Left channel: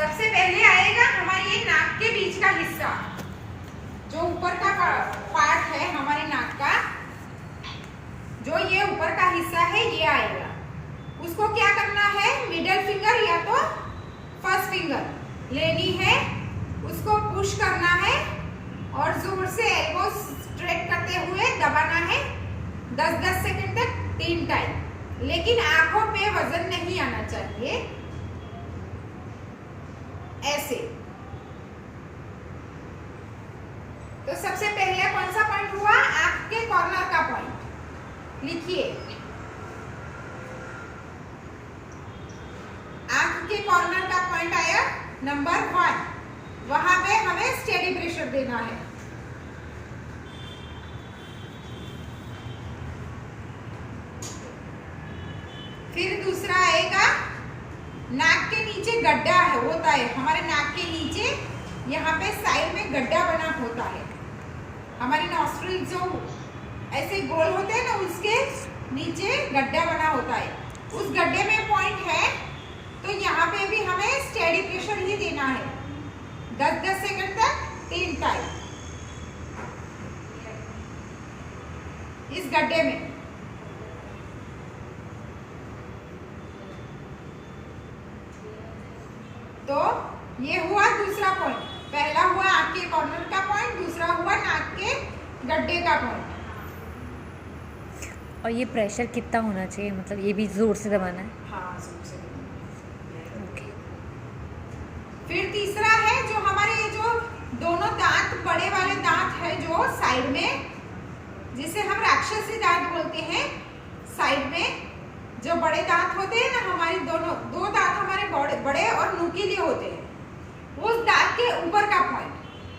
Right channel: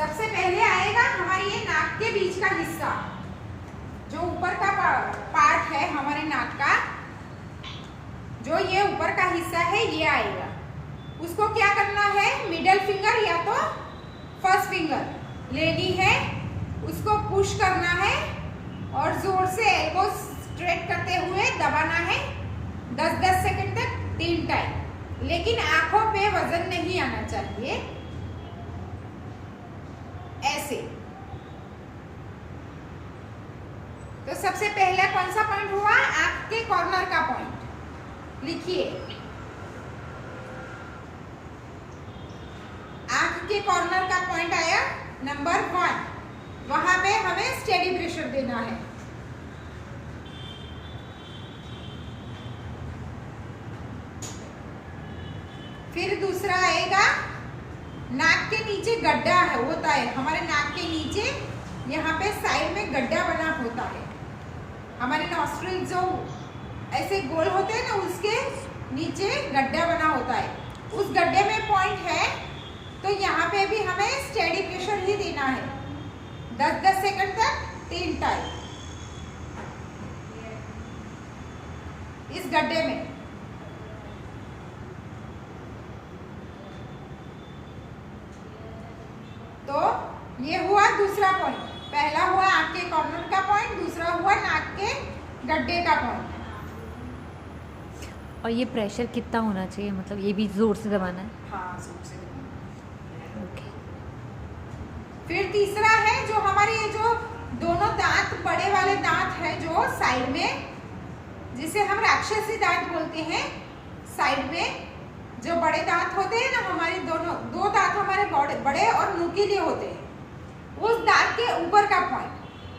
सबसे पहले आएगा हमारे ये नाक के बीच का हिस्सा, जो ऊपर का पार्ट है हमारे नाक का, जो ये ऊपर का हिस्सा है ये आएगा। उसको क्या करना है, मिडल फिंगर या तो फर्स्ट फिंगर लेनी है, उसको पुश करना है और जोर से एल्बो स्ट्रेट करते हुए दबाना है 10-10 सेकंड तक 3 टाइम। लेकिन आंखों पे वजन नहीं आना चाहिए, ऐसे। तो सबसे पहले कौन सा पॉइंट हुआ, आंख के कॉर्नर का पॉइंट लिखिए। आंख के कॉर्नर का पॉइंट आया नंबर 1, वहां पे हमें स्टेडी प्रेशर देना है। फिर दूसरा आएगा, नाक के नीचे गड्ढा है होता है, हमारे नाक के नीचे यहाँ पे साइड में गड्ढा बना होता है। हमारे नॉस्ट्रिल जो ऐसे गोल होते हैं ना, उसके नीचे गड्ढा बना होता है, उस गड्ढे में पॉइंट है। तो यहाँ पे भी हमें स्टेडी प्रेशर ही देना है 10-10 सेकंड तक 3 टाइम इस गड्ढे में। तो ये हुआ दूसरा पॉइंट, पहला हुआ आंख के कॉर्नर का पॉइंट, दूसरा हुआ नाक के गड्ढे का पॉइंट। और ये प्रेशर कितना होना चाहिए, मतलब ये भी जोर से दबाना है? हाँ, जोर से दबाना। ओके। फिर तीसरा है जो हमारे ये जो दोनों दांत, बड़े वाले दांत है जो साइड में, जिसे हम राक्षसी दांत बोलते हैं, साइड में जो बड़े दांत होते हैं ना, हमारी दो दांत हमारे बड़े और नुकीले होते हैं, उस दांत के ऊपर का पॉइंट,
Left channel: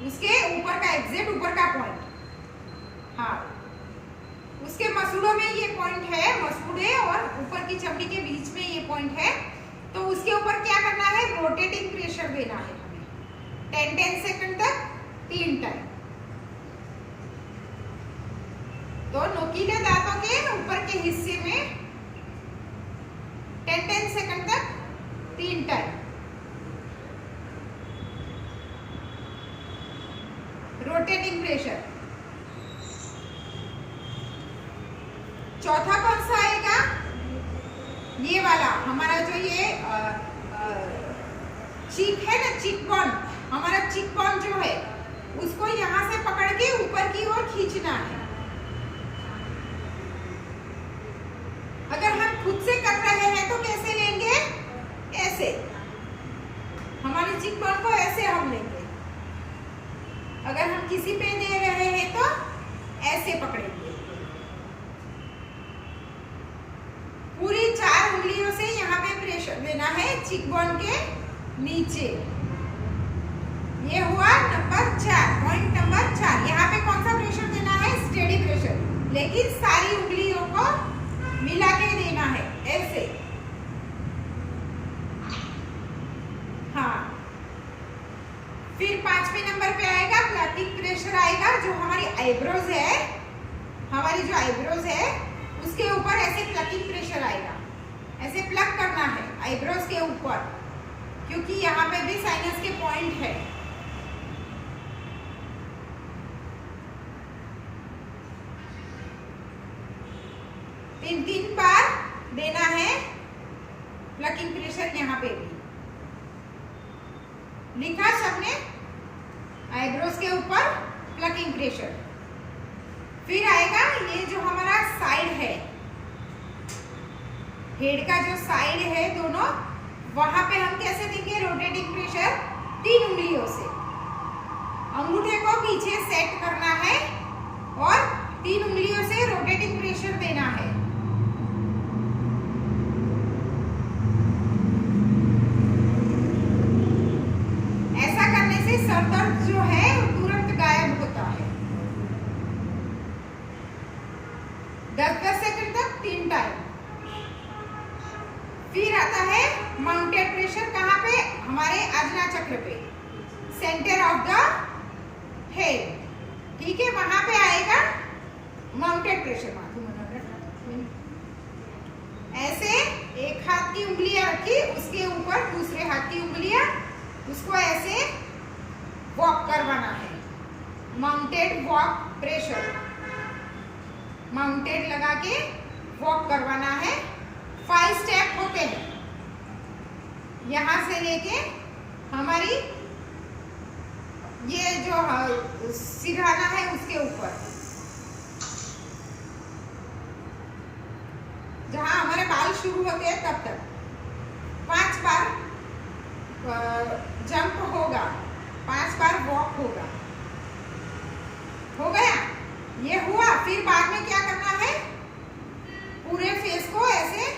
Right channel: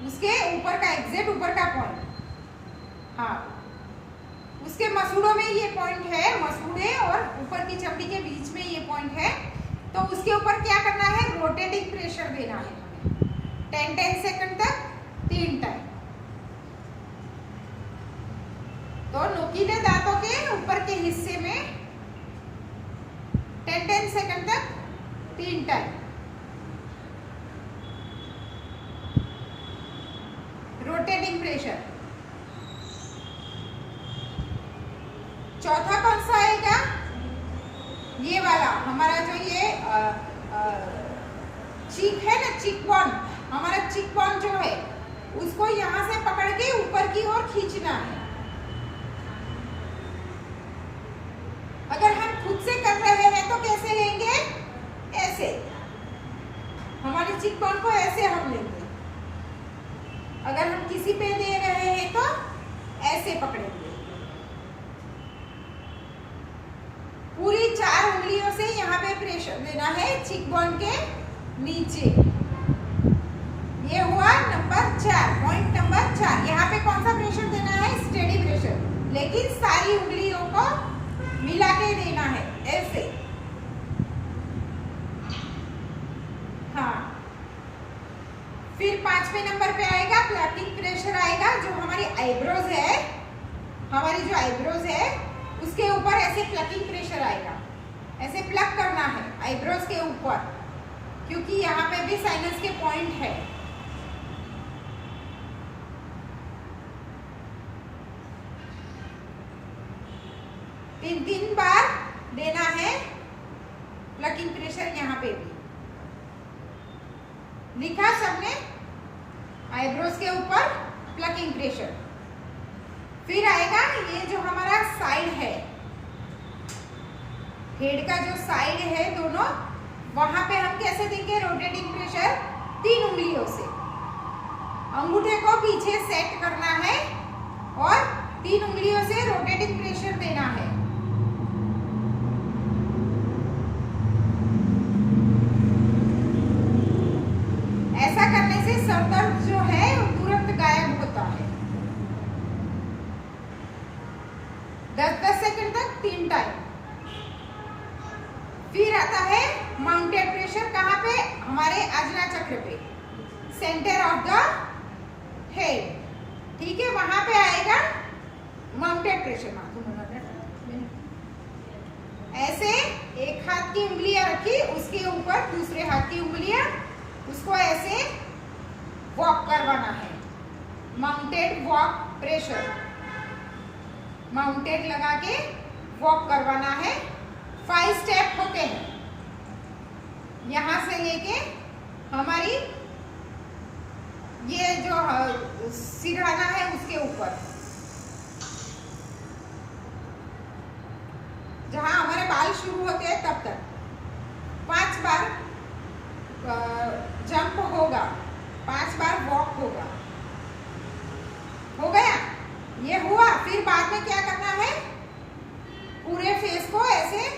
उसके ऊपर का एग्जैक्ट ऊपर का पॉइंट, हाँ, उसके मसूड़ों में ये पॉइंट है, मसूड़े और ऊपर की चमड़ी के बीच में ये पॉइंट है। तो उसके ऊपर क्या करना है, रोटेटिंग प्रेशर देना है हमें 10-10 सेकंड तक 3 टाइम। तो नुकीले दांतों के ऊपर के हिस्से में 10-10 सेकंड तक 3 टाइम रोटेटिंग प्रेशर। चौथा कौन सा आएगा, ये वाला हमारा जो ये चीक है ना, चीक बोन, हमारा चीक बोन जो है, उसको यहां से पकड़ के ऊपर की ओर खींचना है। अगर हम खुद से कर रहे हैं तो कैसे लेंगे, ऐसे, हमारी चीक बोन को ऐसे हम लेंगे। अगर हम किसी पे दे रहे हैं तो ऐसे पकड़ेंगे। पूरी 4 उंगलियों से यहाँ पे प्रेशर देना है चीक बोन के नीचे। ये हुआ नंबर 4, पॉइंट नंबर 4। यहाँ पे कौन सा प्रेशर देना है, स्टेडी प्रेशर, लेकिन सारी उंगलियों को मिला के देना है, ऐसे। हाँ, फिर 5वें नंबर पे आएगा प्लकिंग प्रेशर आएगा, जो हमारी आईब्रोज है, हमारी जो आईब्रोज है उसके ऊपर ऐसे प्लकिंग प्रेशर आएगा, ऐसे प्लग करना है आईब्रोज के ऊपर, क्योंकि यहाँ पे भी साइनस के पॉइंट है। तीन बार देना है प्लकिंग प्रेशर, यहाँ पे भी लिखा सबने, आईब्रोज के ऊपर प्लकिंग प्रेशर। फिर आएगा ये जो हमारा साइड है, हेड का जो साइड है दोनों, वहां पे हम कैसे देंगे रोटेटिंग प्रेशर, 3 उंगलियों से। अंगूठे को पीछे सेट करना है और 3 उंगलियों से रोटेटिंग प्रेशर देना है। ऐसा करने से सर दर्द जो है तुरंत गायब होता है। 10-10 सेकंड तक 3 टाइम। फिर आता है माउंटेड प्रेशर, कहाँ पे, हमारे आज्ञा चक्र पे, सेंटर ऑफ द हेड, ठीक है, वहां पे आएगा माउंटेड प्रेशर। ऐसे एक हाथ की उंगलियां रखी, उसके ऊपर दूसरे हाथ की उंगलियां उसको ऐसे वॉक करवाना है। माउंटेड वॉक प्रेशर, माउंटेड लगा के वॉक करवाना है। 5 स्टेप होते हैं, यहां से लेके हमारी ये जो सिरहाना है उसके ऊपर, जहां हमारे बाल शुरू होते हैं तब तक 5 बार जंप होगा, 5 बार वॉक होगा। हो गया, ये हुआ। फिर बाद में क्या करना है, पूरे फेस को ऐसे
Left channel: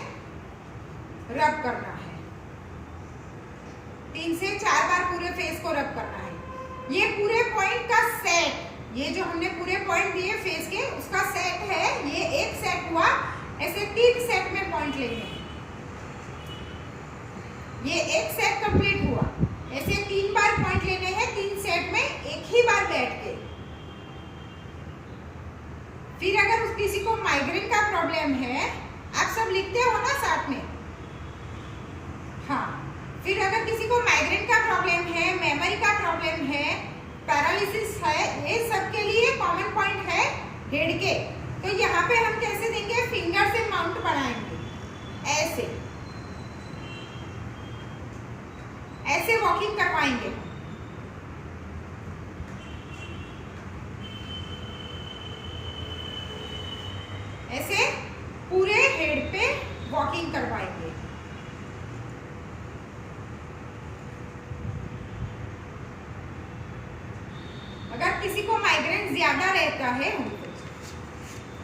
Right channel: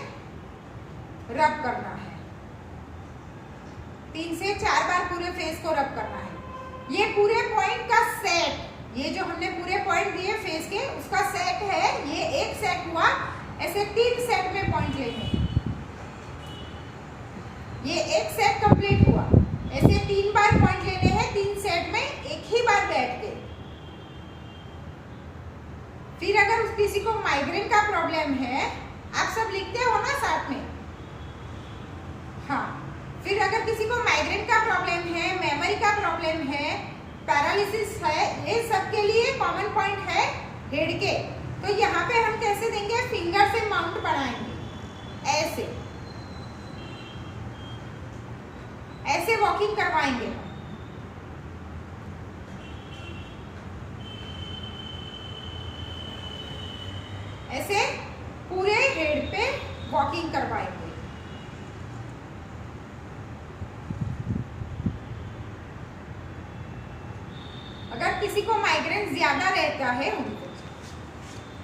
रब करना है। 3 से 4 बार पूरे फेस को रब करना है। ये पूरे पॉइंट का सेट, ये जो हमने पूरे पॉइंट दिए फेस के, उसका सेट है। ये एक सेट हुआ, ऐसे 3 सेट में पॉइंट लेने हैं। ये एक सेट कंप्लीट हुआ, ऐसे 3 बार पॉइंट लेने हैं 3 सेट में, एक ही बार बैठ के। फिर अगर किसी को माइग्रेन का प्रॉब्लम है, आप सब लिखते हो ना साथ में, हाँ। फिर अगर किसी को माइग्रेन का प्रॉब्लम है, मेमोरी का प्रॉब्लम है, पैरालिसिस है, ये सब के लिए कॉमन पॉइंट है हेड के। तो यहाँ पे हम कैसे देंगे, फिंगर से माउंट बनाएंगे, ऐसे ऐसे वॉकिंग करवाएंगे हम। ऐसे पूरे हेड पे वॉकिंग करवाएंगे। अगर किसी को माइग्रेन ज्यादा रहता है,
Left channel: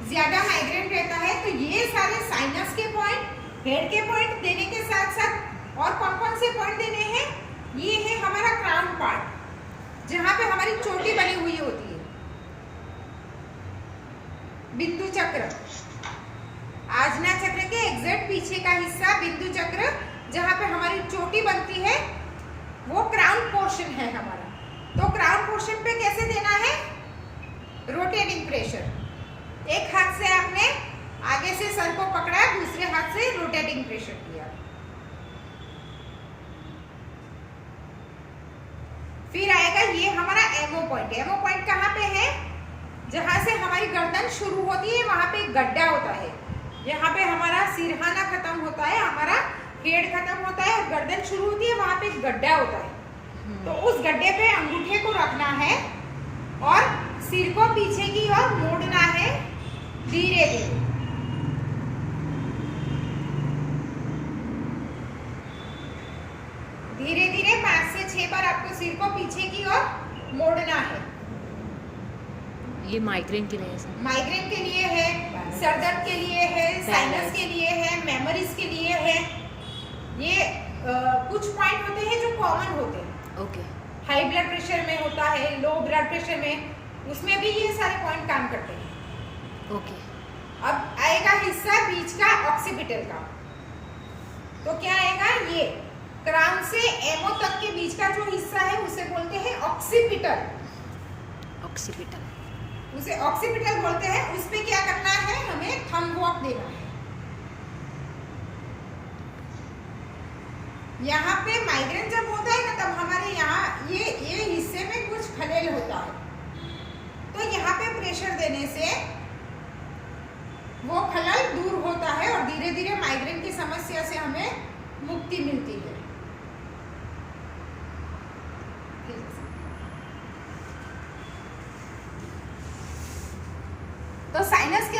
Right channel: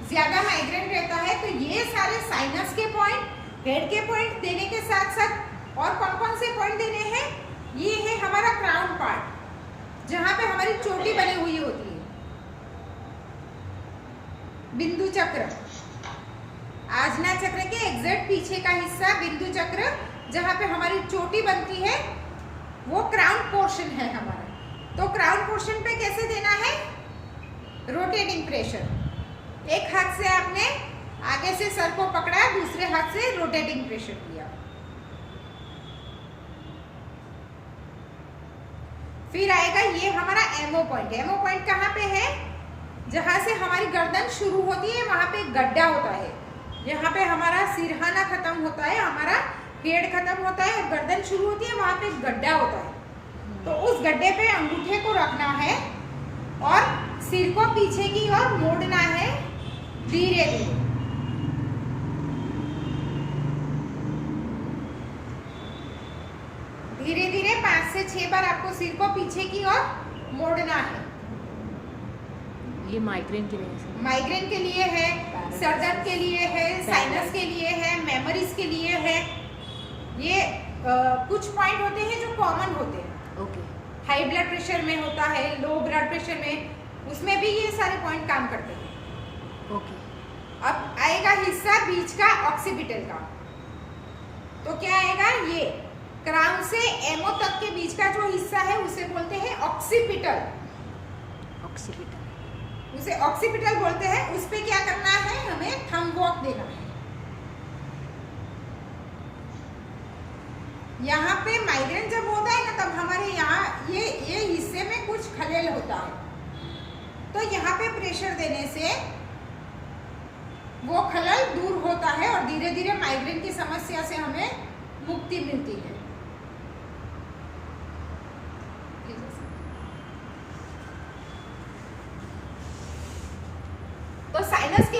ज्यादा माइग्रेन रहता है, तो ये सारे साइनस के पॉइंट, हेड के पॉइंट देने के साथ साथ और कौन कौन से पॉइंट देने हैं, ये है हमारा क्राउन पार्ट, जहां पे हमारी चोटी बनी हुई होती है, बिंदु चक्र, आजना चक्र के एग्जैक्ट पीछे का हिस्सा बिंदु चक्र, जहां पे हमारी चोटी बनती है, वो क्राउन पोर्शन है हमारा। तो क्राउन पोर्शन पे कैसे देना है, रोटेटिंग प्रेशर। एक हाथ से आपने आगे से सर को पकड़ा, दूसरे हाथ से रोटेटिंग प्रेशर किया। फिर आएगा ये हमारा एमओ पॉइंट। एमओ पॉइंट कहाँ पे है, जहां से हमारी गर्दन शुरू होती है, वहां पे एक गड्ढा होता है। यहाँ पे हमारा सिरहाना खत्म होता है, हमारा हेड खत्म होता है और गर्दन शुरू होती है, वहां पे एक गड्ढा होता है। तो उस गड्ढे पे अंगूठे को रखना है और सिर को पीछे की ओर मोड़ना है धीरे धीरे। धीरे धीरे 5 से 6 बार आपको सिर को पीछे की ओर मोड़ना है। ये माइग्रेन के लिए है, माइग्रेन के लिए है, सर्जन के लिए है, साइनस के लिए है, मेमोरीज के लिए है। ये कुछ पॉइंट होते हैं जो कॉमन होते हैं। ओके। हाई ब्लड प्रेशर में होता है, लो ब्लड प्रेशर में, उसमें भी ये सारे पॉइंट काम करते हैं। ओके। अब आएगा हिस्सा बीच का, ऑक्सीपिटल का। तो क्या आएगा, ये क्राउन से एमओ तक के बीच का जो हिस्सा है उसे बोलते हैं ऑक्सीपिटल। ऑक्सीपिटल, उसे ऑक्सीपिटल बोलते हैं। उस पे क्या करना है, हमें थंब वॉक देना है। यहाँ पे माइग्रेन जब होता है ना, तब हमारे यहाँ ये हिस्से में कुछ खलेल होता है, तो यहाँ पे प्रेशर देने से वो खलल दूर होता है और धीरे धीरे माइग्रेन की समस्या से हमें मुक्ति मिलती है। तो साइनस के